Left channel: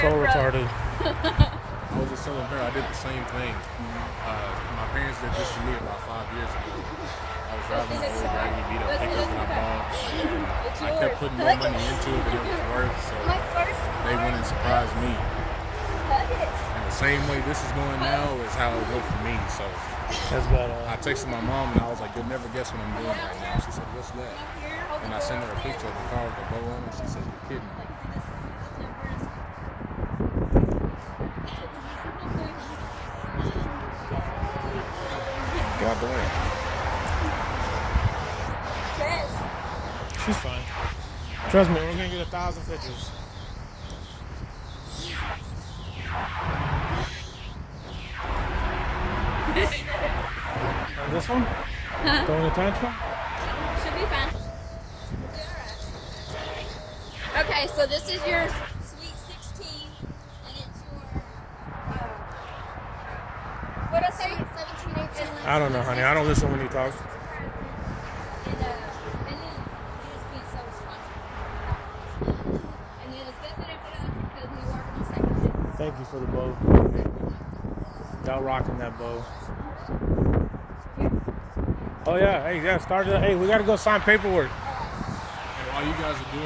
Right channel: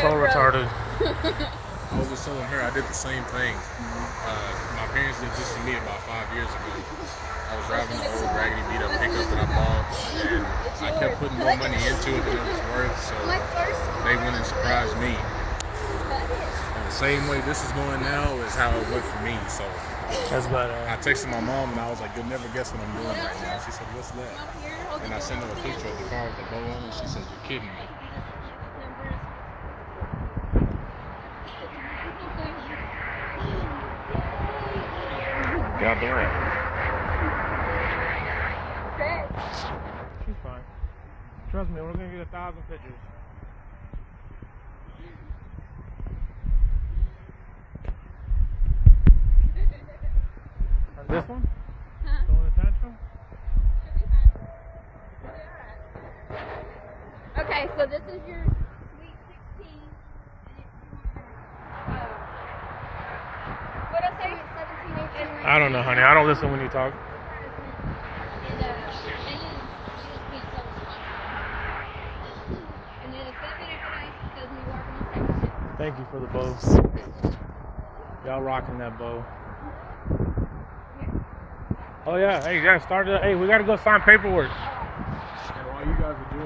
So retarded. I was just telling her I did the same thing. My parents did this to me about 5 years ago. I was driving an old raggedy beat up pickup that I bought, and I kept putting more money into it than it was worth, so they went and surprised me. And the same way this is going now is how it went for me. So That's better. I texted my mom and I was like, "You'll never guess what I'm doing right now." She said, "What's that?" And I sent her a picture of the car with the bow on it. She said, "You're kidding me." Get out the way. She's fine. Trust me, we're gonna get 1,000 pictures. This one? Huh? Throwing a tantrum? Should be fine. Okay, so this is your Sweet 16, and it's your, what did I say? 17, 18. I don't know, honey. I don't listen when you talk. And you just being so responsible. And then it's going to be nice because we work on the same shift. Thank you for the bows. Y'all rocking that bow. Oh yeah, hey, yeah, started. Hey, we gotta go sign paperwork. And while you guys are doing